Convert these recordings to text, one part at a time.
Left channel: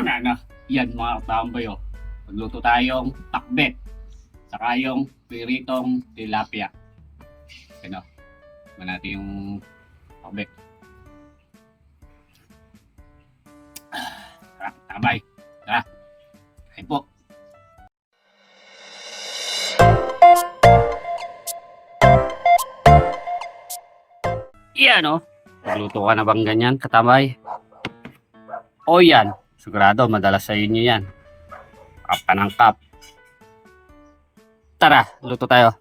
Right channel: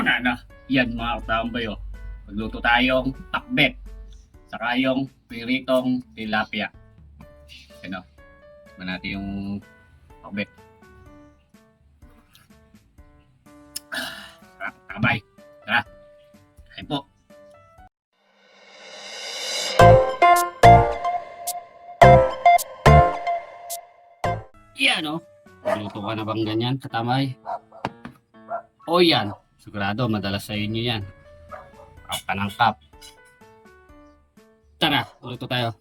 Tama na. Yan mga katambay oh. Magluto tayong takbet. Saka yung piritong tilapia. Ano? Ba natin yung takbet. Tara, tabay. Tara. Kain po. Yan oh. Magluto ka na bang ganyan, katabay? O yan. Sigurado, madalas sa inyo yan. Kapanangkap. Tara, luto tayo.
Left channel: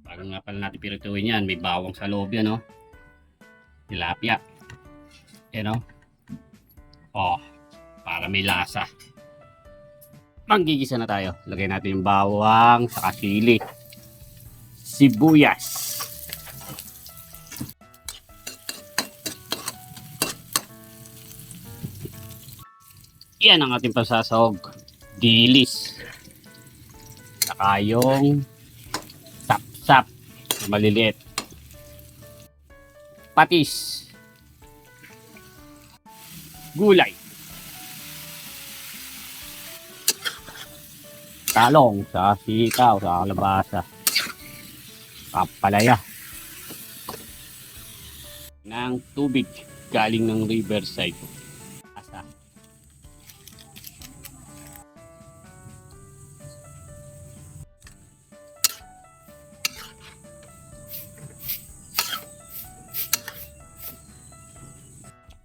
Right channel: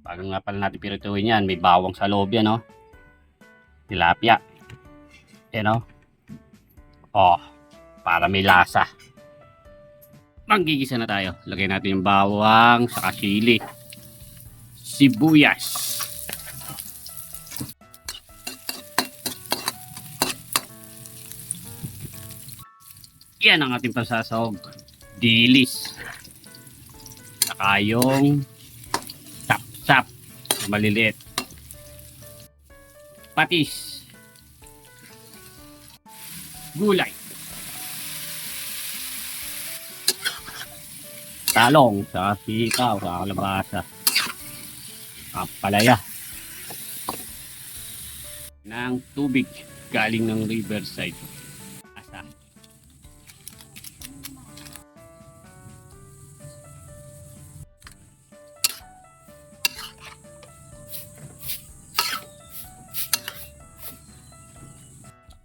Bago nga pala natin pirituin yan, may bawang sa loob yan, no? Tilapia. Yan, no? Oh, para may lasa. Manggigisa na tayo. Lagay natin yung bawang, saka sili. Sibuyas. Yan ang ating pasasahog. Dilis. Saka yung sap-sap na maliliit. Patis. Gulay. Talong, saka sitaw, saka kalabasa. Kapalaya. Ng tubig galing ng riverside. Asa.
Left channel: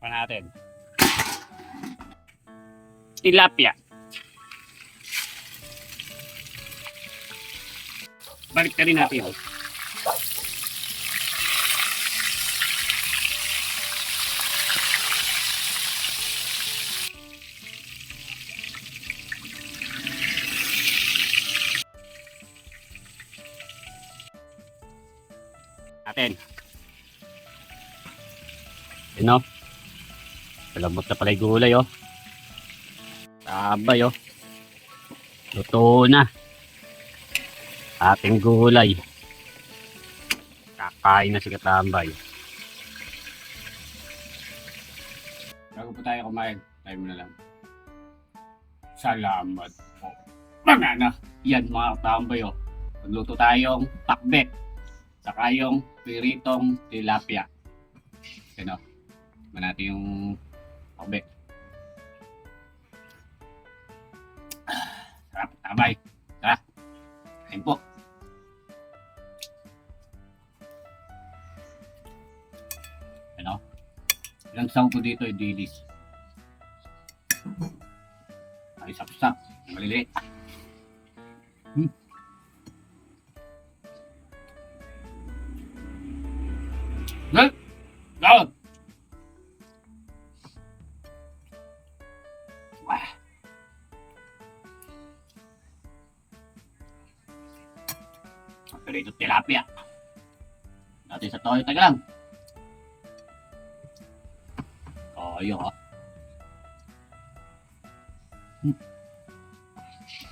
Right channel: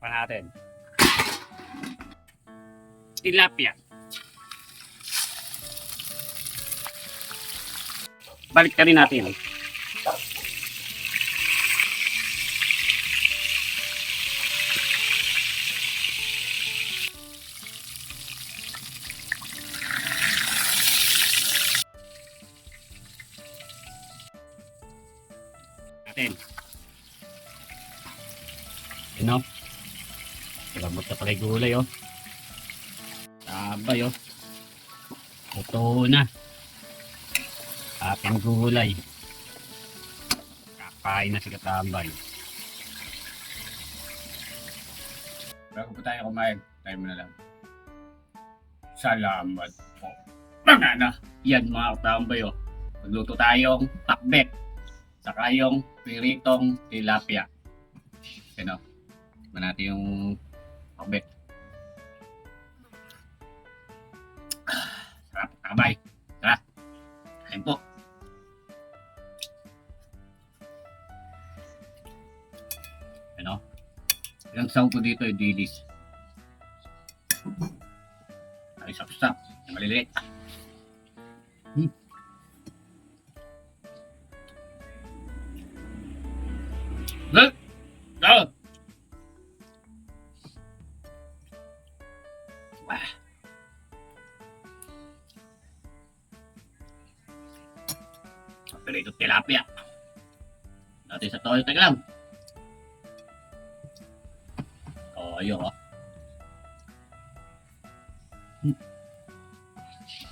Pa natin. Tilapia. Balik ka rin natin. Natin. Yun o. Palamot na pala yung gulay o. Tabay o. Luto na. Ating gulay. Kakain na si Katambay. Bago pa tayo kumain, tayo mo na lang. Salamat po. Tama na. Yan mga Katambay o. Magluto tayong takbet. Saka yung piritong tilapia. Ano? Ba natin yung takbet. Sarap, tabay. Tara. Kain po. Ano? Ilang saw ko dito ay dilis. Ay sapsak. Maliliit. Good. Go. Wah. Pero ito tilapia. Natin sa toyo taga lang. Oh, ayun oh.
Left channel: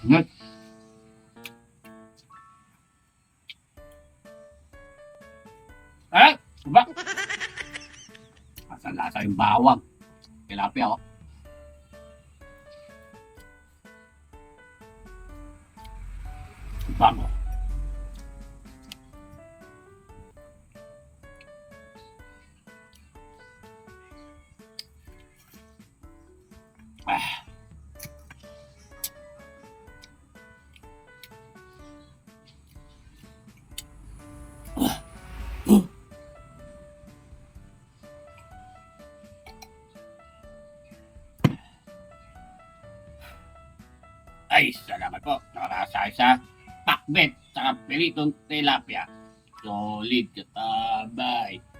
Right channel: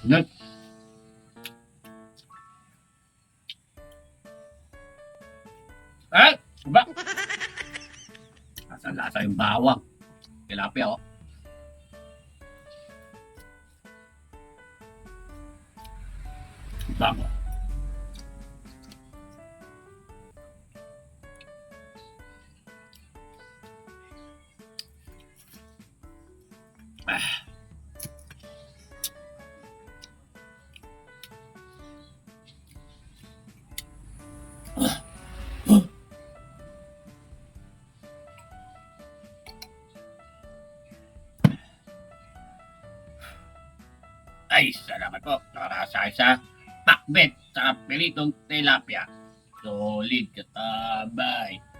Good. Ay! Diba? Lasa yung bawang. Tilapia, oh. Bango. Ah. Ay, salamat po. Nakarasa sa takbet sa pilitong tilapia. Solid, Katabay.